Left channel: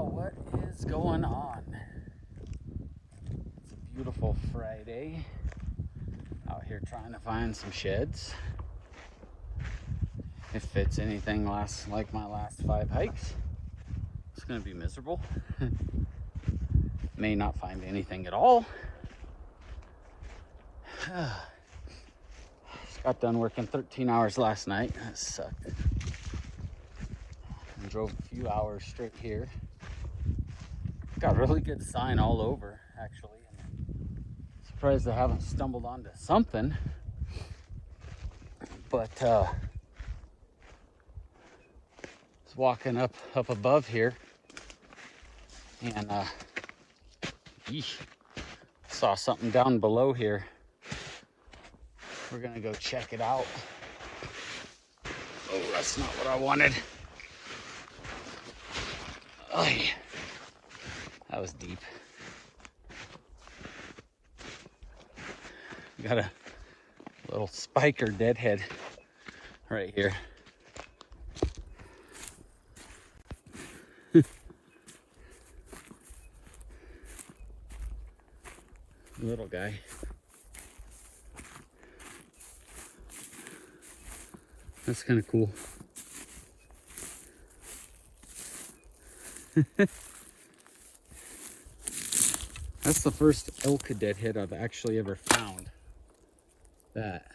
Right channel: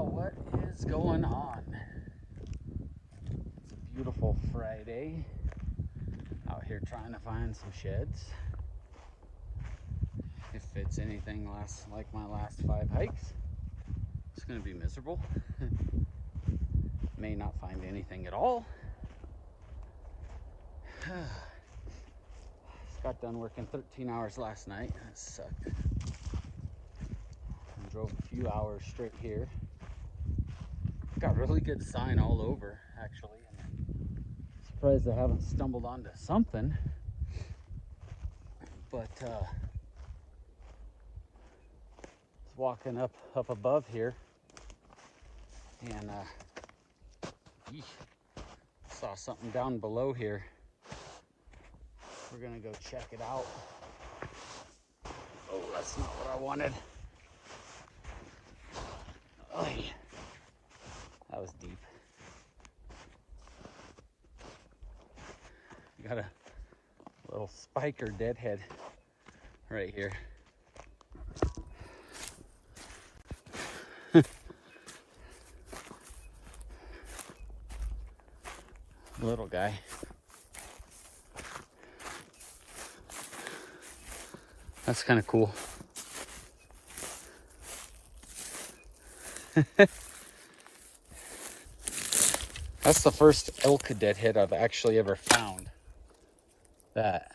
Well, what is going on? It's a beautiful Friday. Out here trying to find some sheds. If it's anything like my last 5 hikes, it's going to be miserable. May not find anything at all. Just got done working 13 hours last night. That sucked. And drove a few hours straight here. Got really good sign all over, actually. Surprised I haven't stumbled onto something. But was walking up above here, and saw something down below here. We're gonna go check it out. Oh, that's not what I wanted. Oh, yeah. That was deep. Got a little spiker deadhead right here. Little guy. That's kind of cool. That's the first elk deadhead I've actually ever found that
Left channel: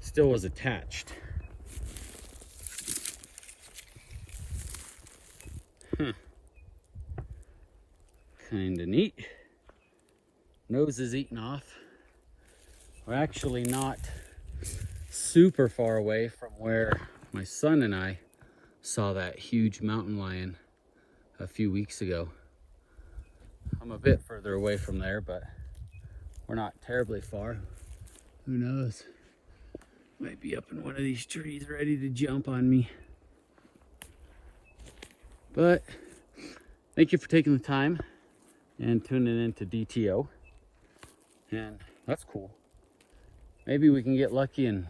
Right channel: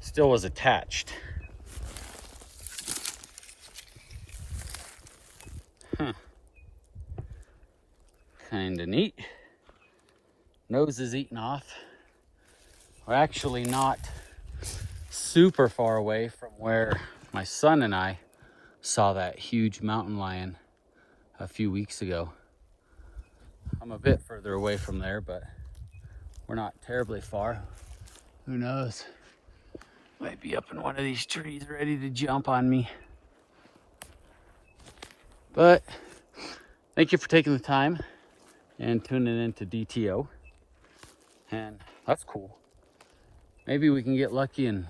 still was attached. Kinda neat. Nose is eaten off. We're actually not super far away from where my son and I saw that huge mountain lion a few weeks ago. I'm a bit further away from there, but we're not terribly far. Who knows? Might be up in one of these trees ready to jump on me. But thank you for taking the time and tuning into DTO. And that's cool. Maybe we can get lucky and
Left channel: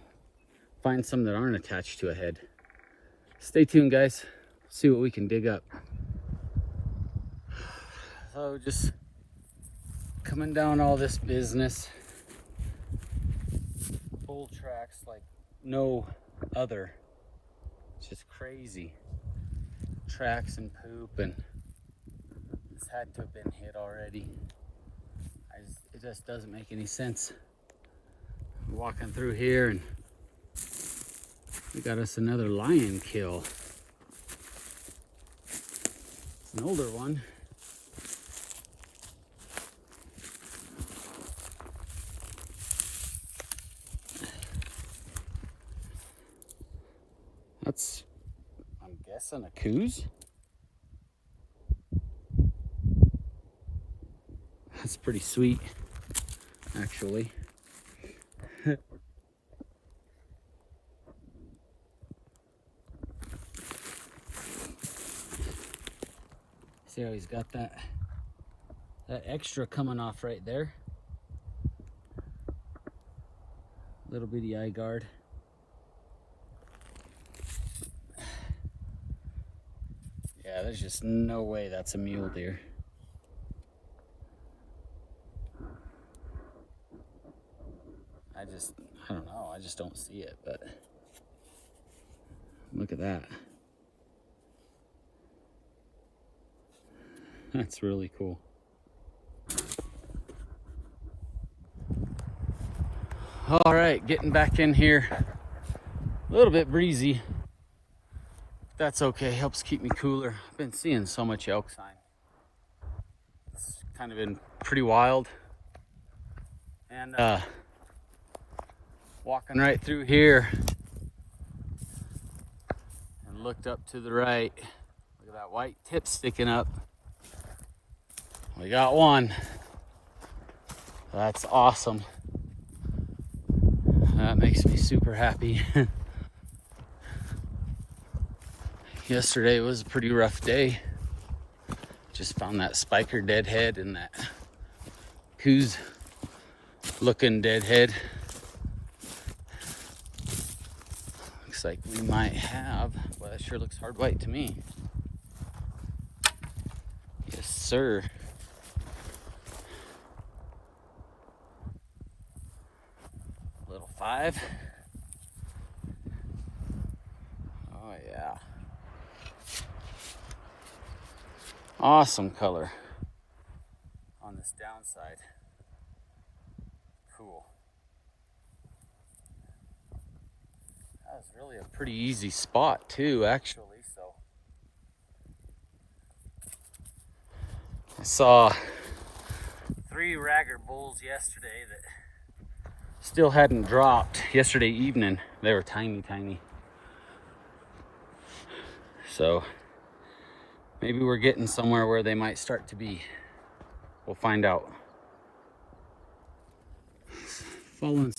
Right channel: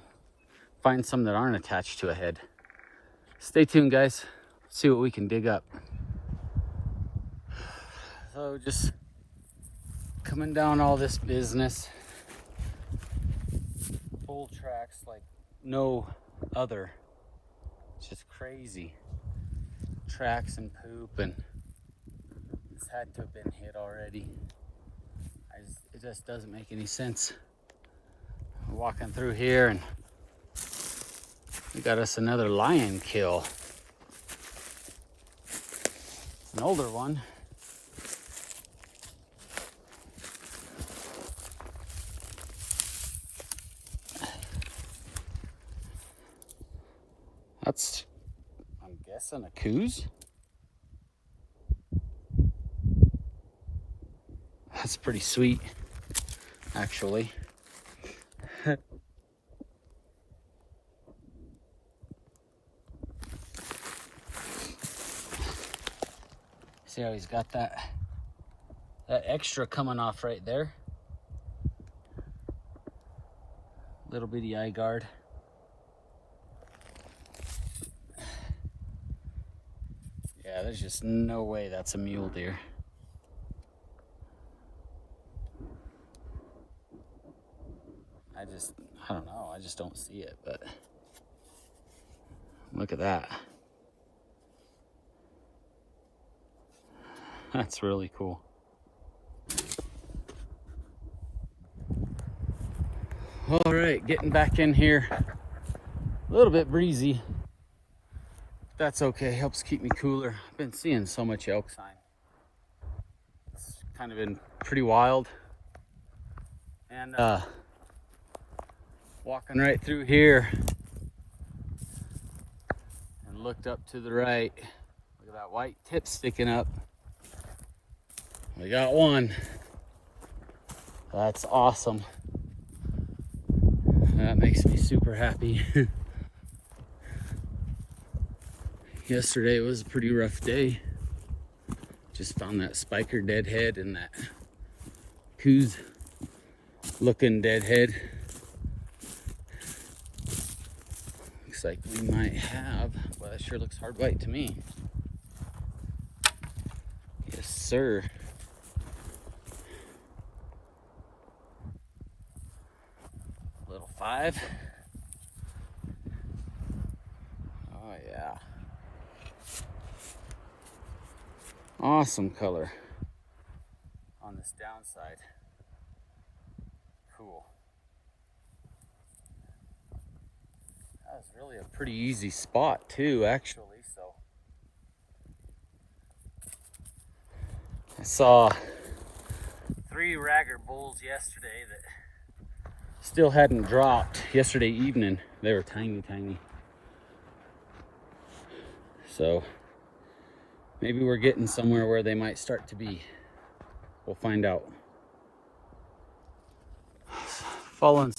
find some that aren't attached to a head. Stay tuned, guys. See what we can dig up. So just coming down all this business. Full tracks like no other. It's just crazy. Tracks and poop, and it's had to have been hit already. It just doesn't make any sense. We're walking through here and we got us another lion kill. It's an older one. That's, I'm guessing, a coos. That's pretty sweet, actually. See how he's got that extra coming off right there. Little bitty eye guard. Yeah, there's just no way that's a mule deer. I don't know, I just don't see it, but look at that. That's really cool. All right, getting back in here. A little bit breezy. That's okay, helps keep me cooler. I've been seeing so much elk sign. It's kind of been pretty wild. And walking right through here and looked up to the right. Look at that white tip sticking up. We got one. That's awesome. That makes me super happy. Yesterday was a pretty rough day. Just found that spiker deadhead and that coos looking deadhead. Looks like we might have, well, that sure looks hard white to me. Yes, sir. Little 5. Oh yeah. Awesome color on this downside. Cool. That was really a pretty easy spot too, actually. So I saw 3 ragger bulls yesterday that still hadn't dropped yesterday evening. They were tiny. So maybe we're getting somewhere where they might start to be. We'll find out. Following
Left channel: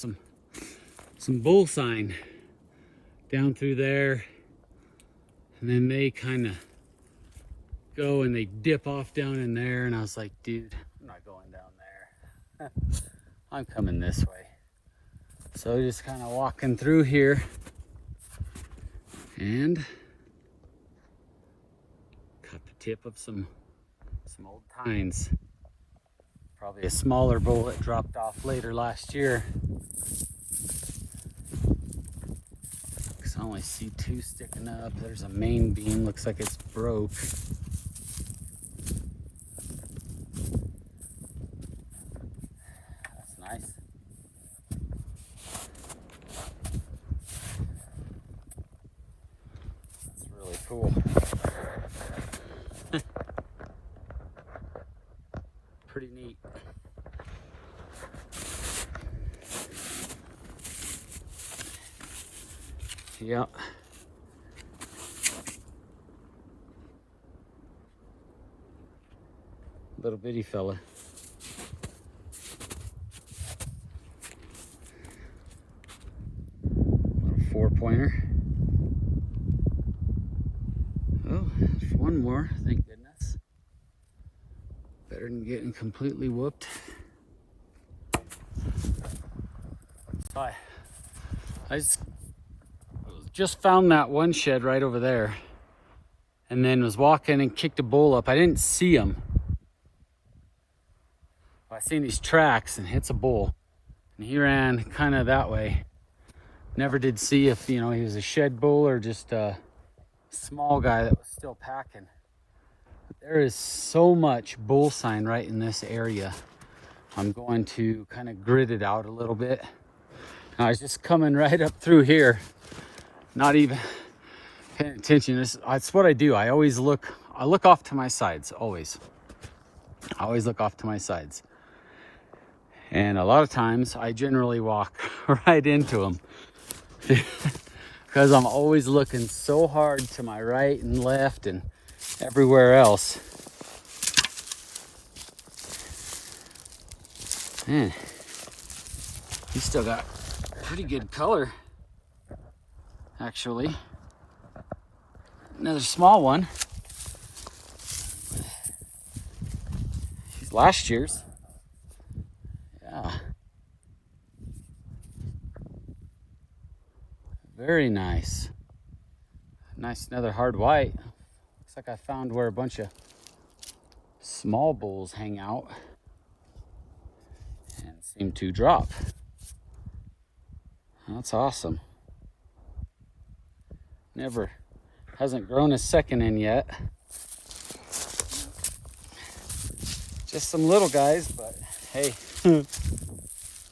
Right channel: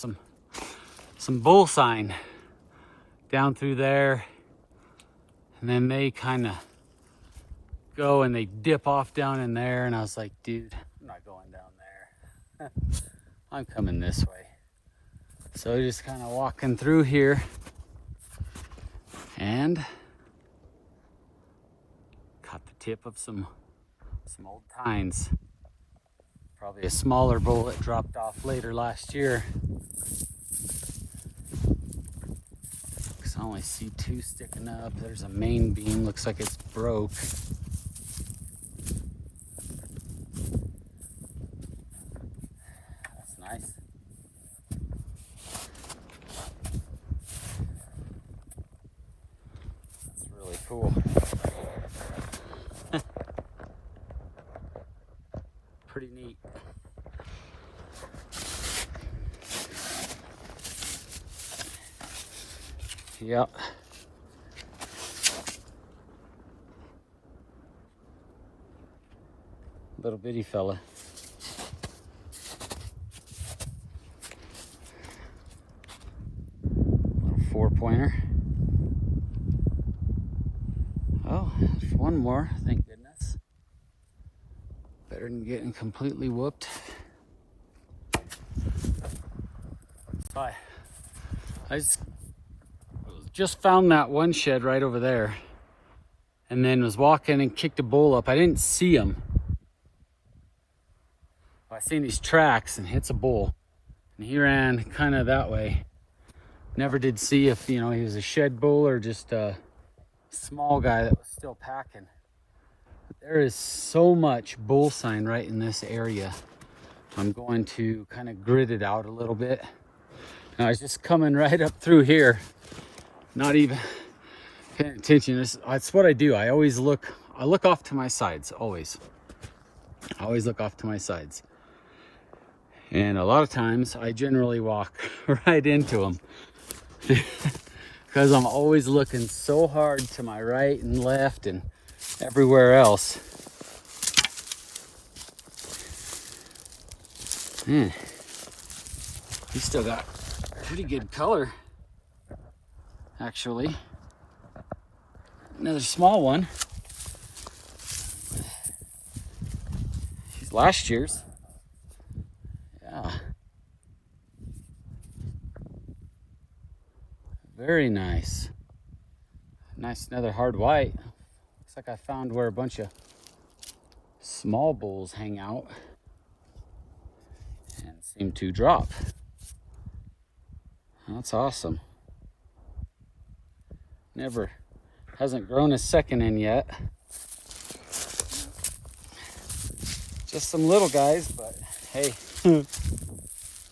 some bull sign down through there, and then they kind of go and they dip off down in there, and I was like, dude, I'm not going down there. I'm coming this way. So just kind of walking through here, and caught the tip of some old tines. Probably a smaller bull that dropped off later last year. I only see 2 sticking up. There's a main beam, looks like it's broke. That's nice. That's really cool. Pretty neat. Yep. Little bitty fella. Little 4-pointer. Oh, there's one more, thank goodness. Better than getting completely whooped. So I just found that one shed right over there, and then was walking and kicked a bull up. I didn't see him. I seen these tracks and hits a bull, and he ran kind of that way. Never did see if, you know, he was a shed bull or just a small guy that was still packing. But there is so much bull sign right in this area. I'm going to kind of grid it out a little bit. And I was just coming right up through here, not even paying attention. That's what I do. I look off to my sides, always. I always look off to my sides. And a lot of times I generally walk right into them because I'm always looking so hard to my right and left and everywhere else. Man, he still got pretty good color, actually. Another small one. Last year's. Yeah. Very nice. Nice, another hard white. Looks like I found where a bunch of small bulls hang out and seem to drop. That's awesome. Hasn't grown a second in yet. Just some little guys, but hey,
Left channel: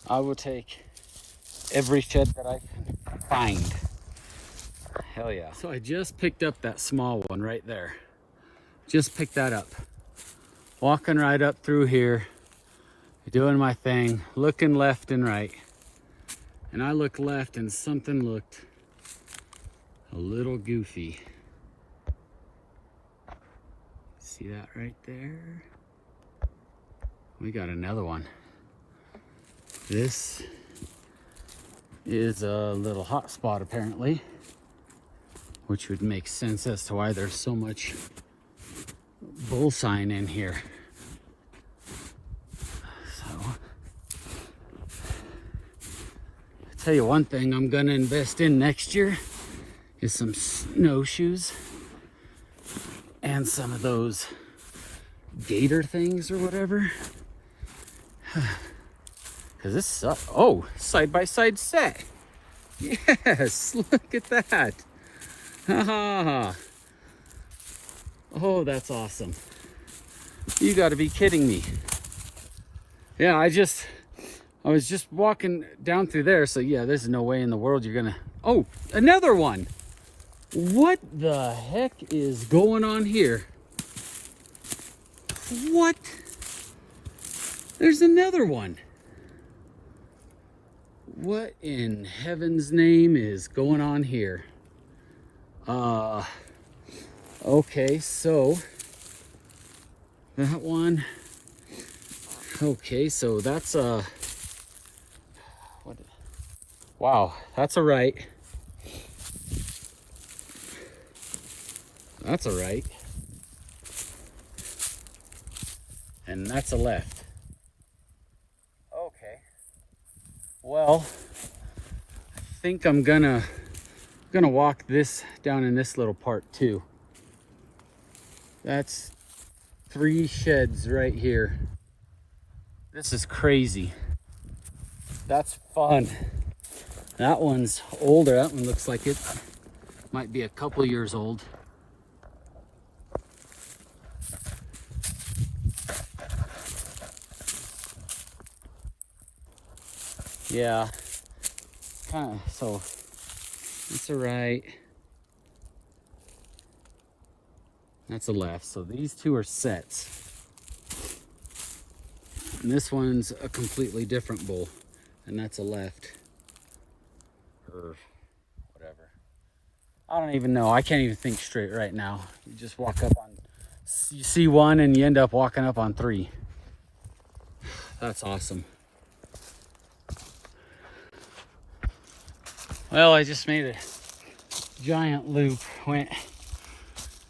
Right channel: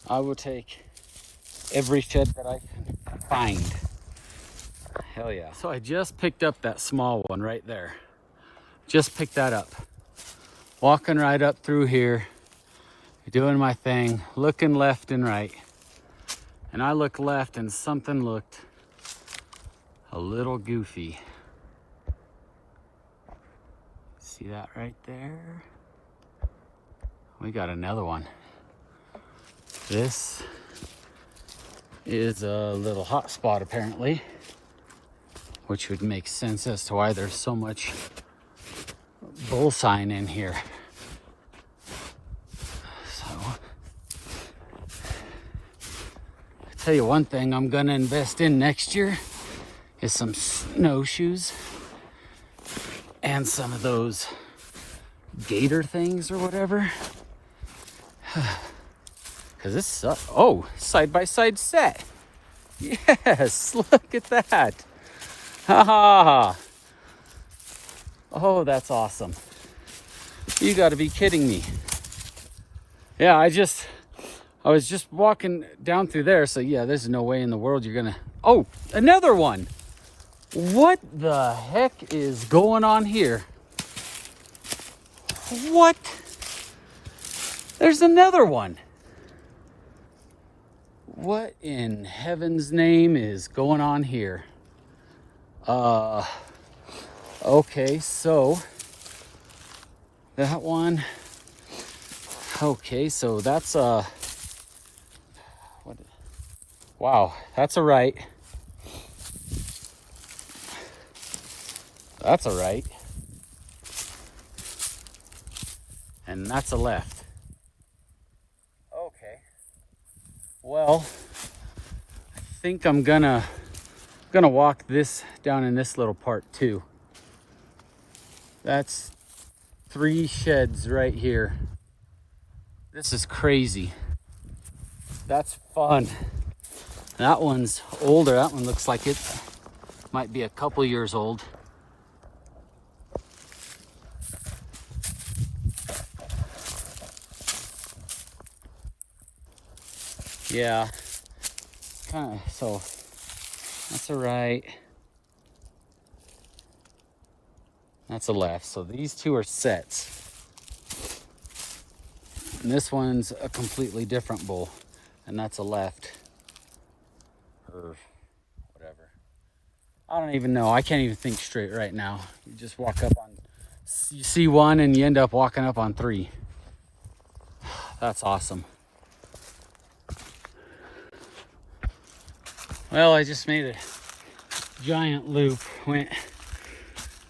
I will take every shed that I can find. Hell yeah. So I just picked up that small one right there. Just picked that up. Walking right up through here, doing my thing, looking left and right. And I looked left and something looked a little goofy. See that right there? We got another one. This is a little hot spot apparently, which would make sense as to why there's so much bull sign in here. So, I tell you one thing I'm gonna invest in next year is some snowshoes and some of those gator things or whatever. Cause this, oh, side-by-side set. Yes, look at that. Ha ha. Oh, that's awesome. You gotta be kidding me. Yeah, I was just walking down through there, so yeah, there's no way in the world you're gonna, oh, another one. What the heck is going on here? What? There's another one. What in heaven's name is going on here? Okay, so that one, okay, so that's what, wow, that's a right. That's a right. And that's a left. Okay. Well, I think I'm gonna walk this down in this little part too. That's 3 sheds right here. This is crazy. That's fun. That one's older. That one looks like it might be a couple years old. Yeah, so that's a right, that's a left. So these two are sets. And this one's a completely different bull, and that's a left, or whatever. I don't even know, I can't even think straight right now. You just walk up on, you see one and you end up walking up on 3. That's awesome. Well, I just made a giant loop, went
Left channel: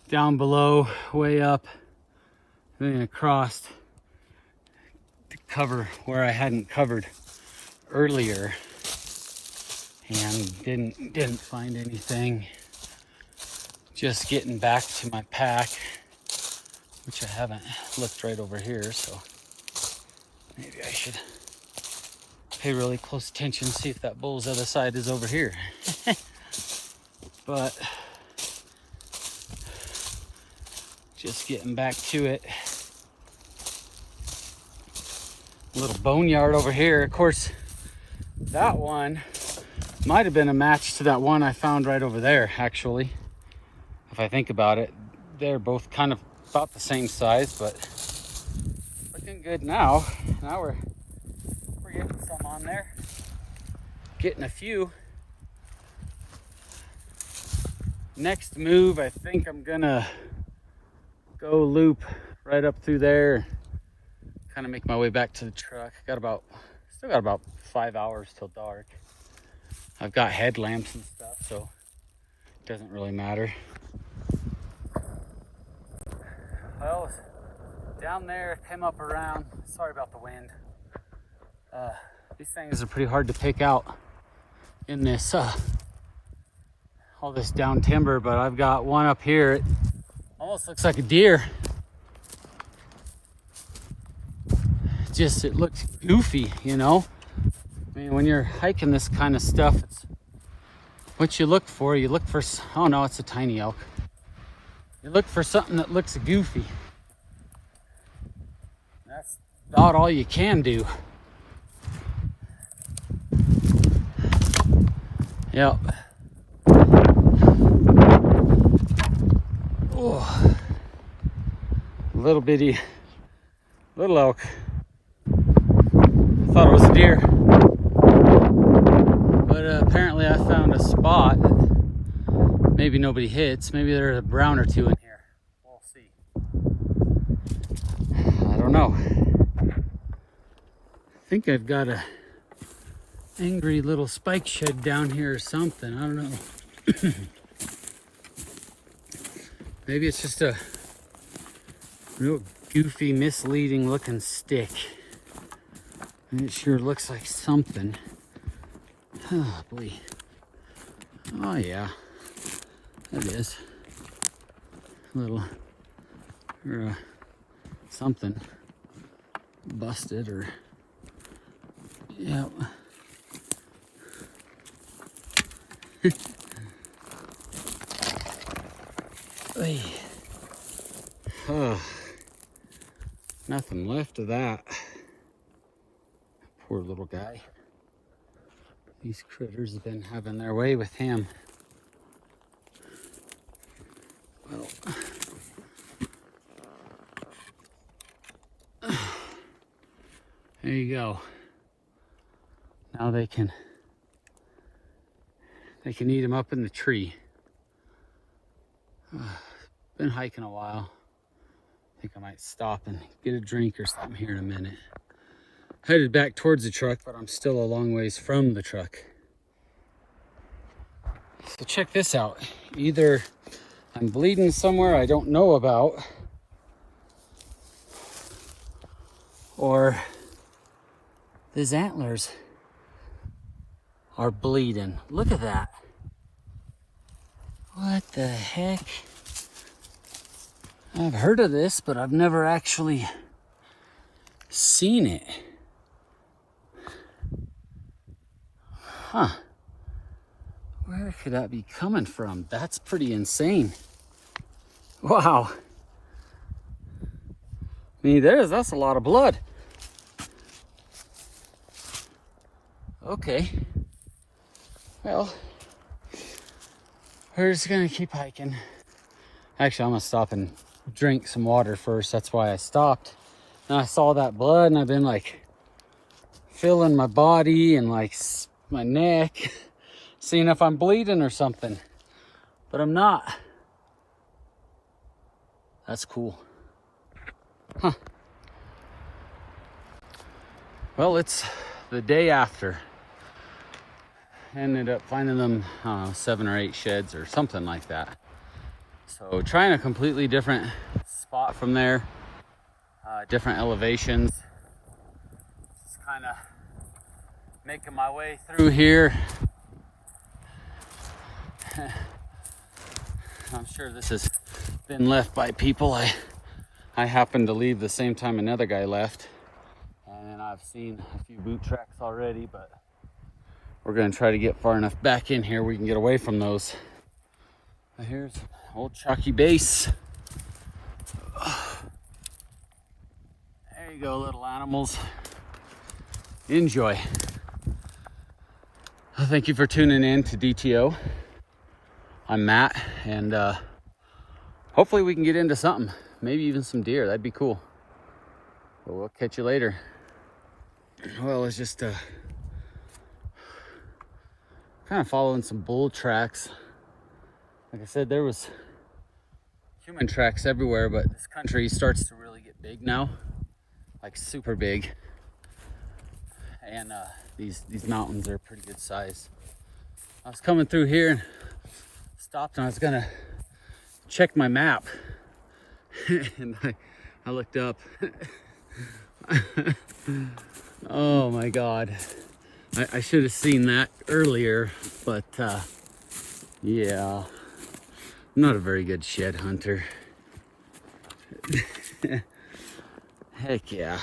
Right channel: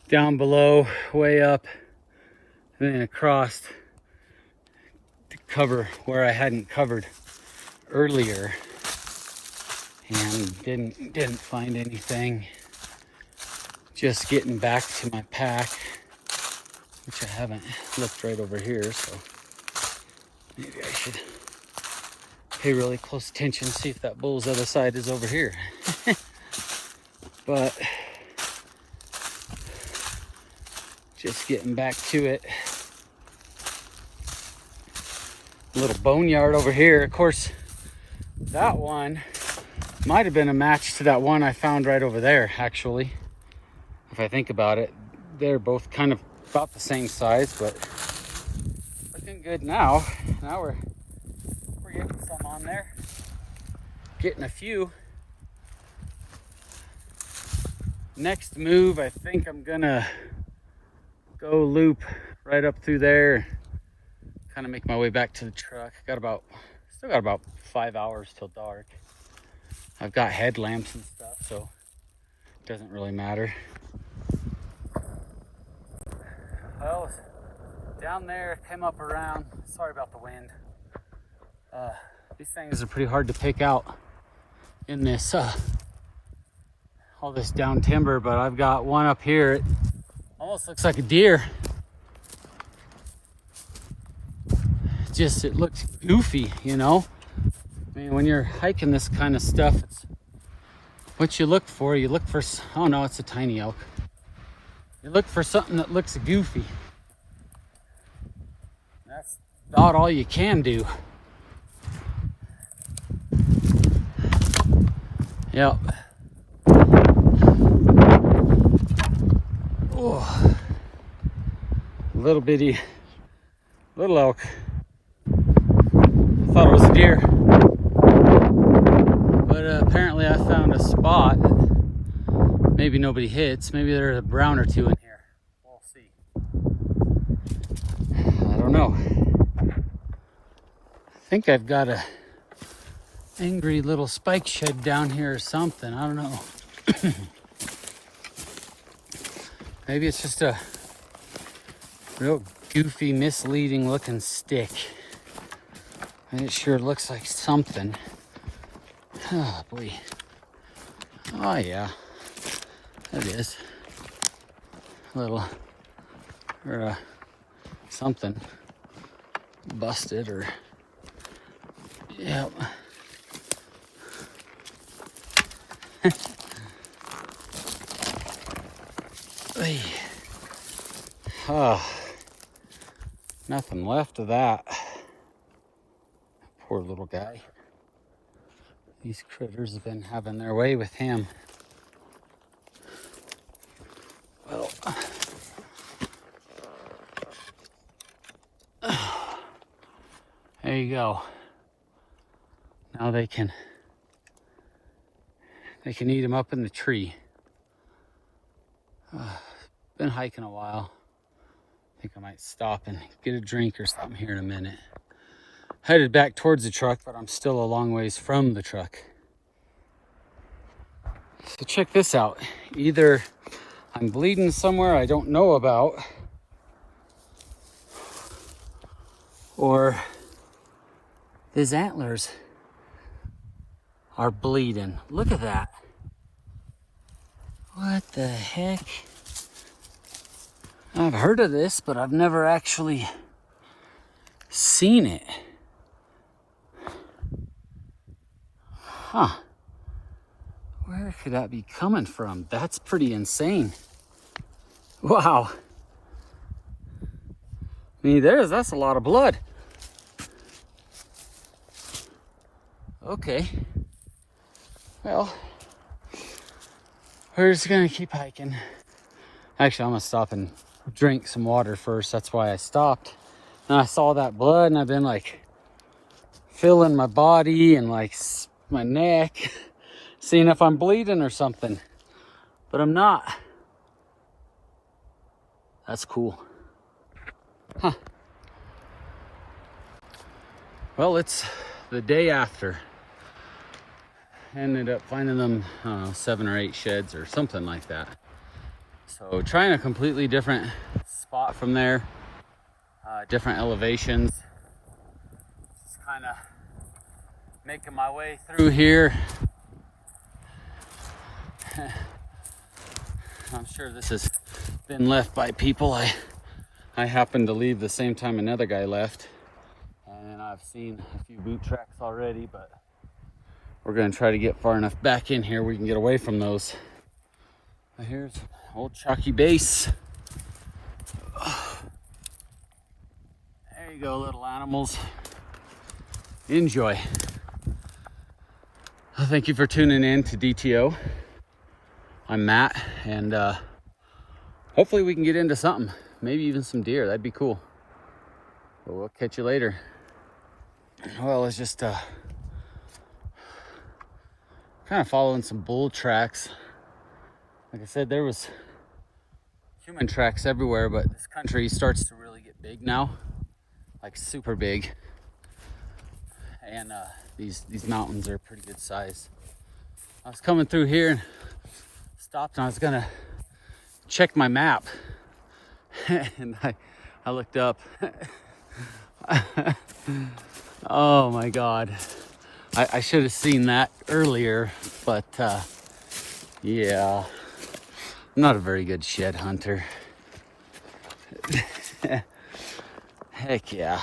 down below, way up, and then across to cover where I hadn't covered earlier, and didn't find anything. Just getting back to my pack, which I haven't looked right over here, so maybe I should pay really close attention, see if that bull's other side is over here. But just getting back to it. A little boneyard over here. Of course, that one might have been a match to that one I found right over there, actually. If I think about it, they're both kind of about the same size, but looking good now. Now we're getting some on there, getting a few. Next move, I think I'm gonna go loop right up through there, kind of make my way back to the truck. Still got about 5 hours till dark. I've got headlamps and stuff, so it doesn't really matter. Well, down there, came up around, sorry about the wind. These things are pretty hard to pick out in this all this down timber, but I've got one up here. It almost looks like a deer. Just, it looks goofy, you know? I mean, when you're hiking this kind of stuff, it's what you look for. You look for, oh no, it's a tiny elk. You look for something that looks goofy. That's about all you can do. Yep. Oh, little bitty, little elk. Thought it was a deer, but apparently I found a spot that maybe nobody hits. Maybe there's a brown or two in here. We'll see. I don't know. I think I've got a angry little spike shed down here or something. I don't know. Maybe it's just a real goofy, misleading looking stick. And it sure looks like something. Oh boy. Oh yeah. That is. A little, or a something busted or, yep. Hey. Oh, nothing left of that. Poor little guy. These critters have been having their way with him. Well, there you go. Now they can eat him up in the tree. Been hiking a while. I think I might stop and get a drink or something here in a minute. Headed back towards the truck, but I'm still a long ways from the truck. So check this out. Either I'm bleeding somewhere I don't know about, or his antlers are bleeding. Look at that. What the heck? I've heard of this, but I've never actually seen it. Huh. Where could that be coming from? That's pretty insane. Wow. I mean, that's a lot of blood. Okay. Well, we're just gonna keep hiking. Actually, I'm gonna stop and drink some water first. That's why I stopped. And I saw that blood and I've been like feeling my body and like my neck, seeing if I'm bleeding or something, but I'm not. That's cool. Huh. Well, it's the day after. Ended up finding them 7 or 8 sheds or something like that. So trying a completely different spot from there, different elevations. Just kind of making my way through here. I'm sure this has been left by people. I happened to leave the same time another guy left, and I've seen a few boot tracks already, but we're gonna try to get far enough back in here we can get away from those. Here's old chalky base. There you go, little animals. Enjoy. Well, thank you for tuning in to DTO. I'm Matt, and hopefully we can get into something. Maybe even some deer. That'd be cool. But we'll catch you later. Well, it's just kind of following some bull tracks. Like I said, there was human tracks everywhere, but this country starts to really get big now, like super big. And these mountains are pretty good size. I was coming through here and stopped, and I was gonna check my map, and I looked up. Oh my God. I should have seen that earlier, but yeah, I'm not a very good shed hunter. Heck yeah.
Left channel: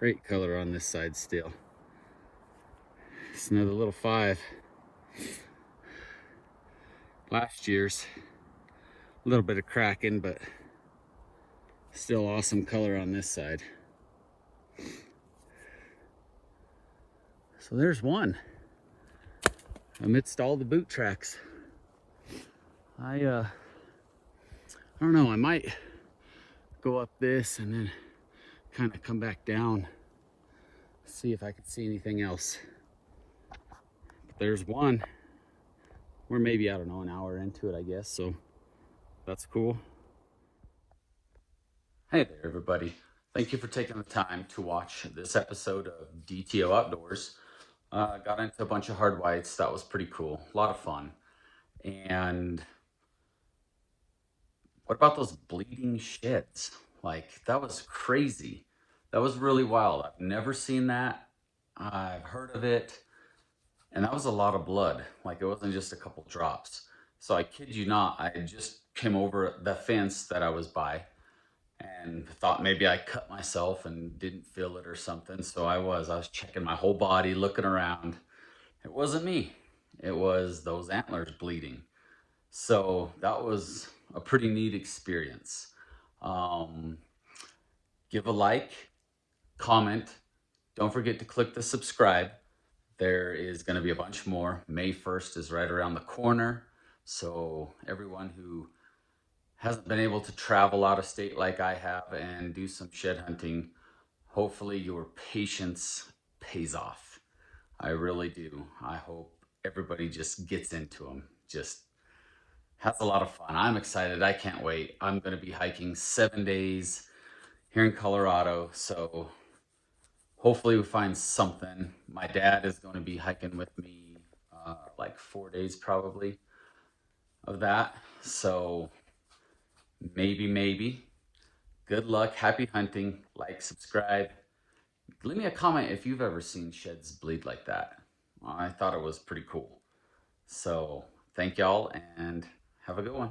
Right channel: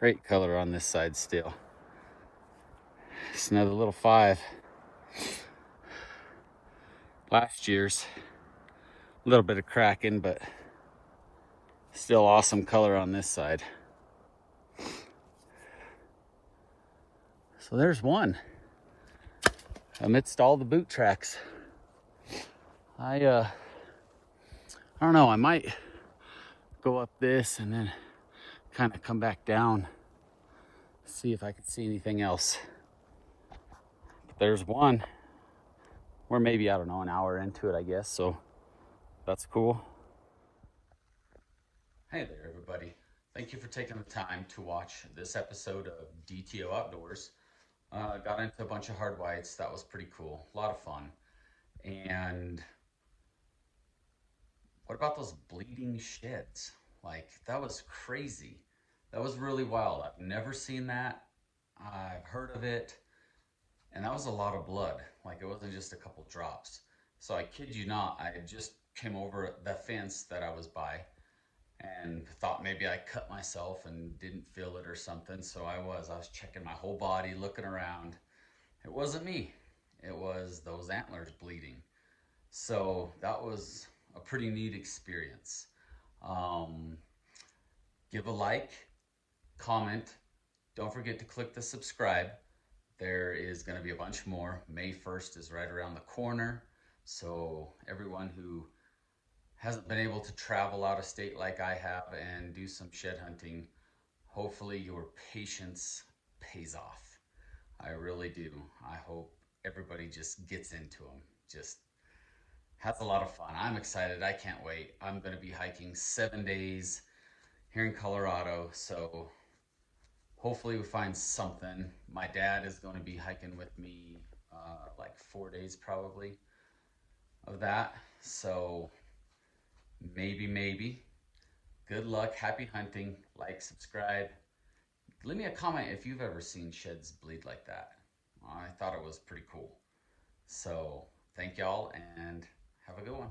Great color on this side still. It's another little 5. Last year's. A little bit of cracking, but still awesome color on this side. So there's one amidst all the boot tracks. I don't know, I might go up this and then kind of come back down, see if I can see anything else. But there's one. We're maybe, I don't know, an hour into it, I guess, so that's cool. Hey there, everybody. Thank you for taking the time to watch this episode of DTO Outdoors. Got into a bunch of hard whites. That was pretty cool. A lot of fun. And what about those bleeding sheds? Like, that was crazy. That was really wild. I've never seen that. I've heard of it. And that was a lot of blood. Like, it wasn't just a couple drops. So I kid you not, I just came over the fence that I was by and thought maybe I cut myself and didn't feel it or something. So I was checking my whole body, looking around. It wasn't me. It was those antlers bleeding. So that was a pretty neat experience. Um, Give a like, comment. Don't forget to click the subscribe. There is going to be a bunch more. May 1st is right around the corner. So everyone who hasn't been able to travel out of state like I have and do some shed hunting, hopefully your patience pays off. I really do. I hope everybody just gets into them. Just has a lot of fun. I'm excited. I can't wait. I'm going to be hiking 7 days here in Colorado. So hopefully we find something. My dad is going to be hiking with me like 4 days probably of that. So maybe. Good luck. Happy hunting. Like, subscribe. Leave me a comment if you've ever seen sheds bleed like that. I thought it was pretty cool. So thank y'all and have a good one.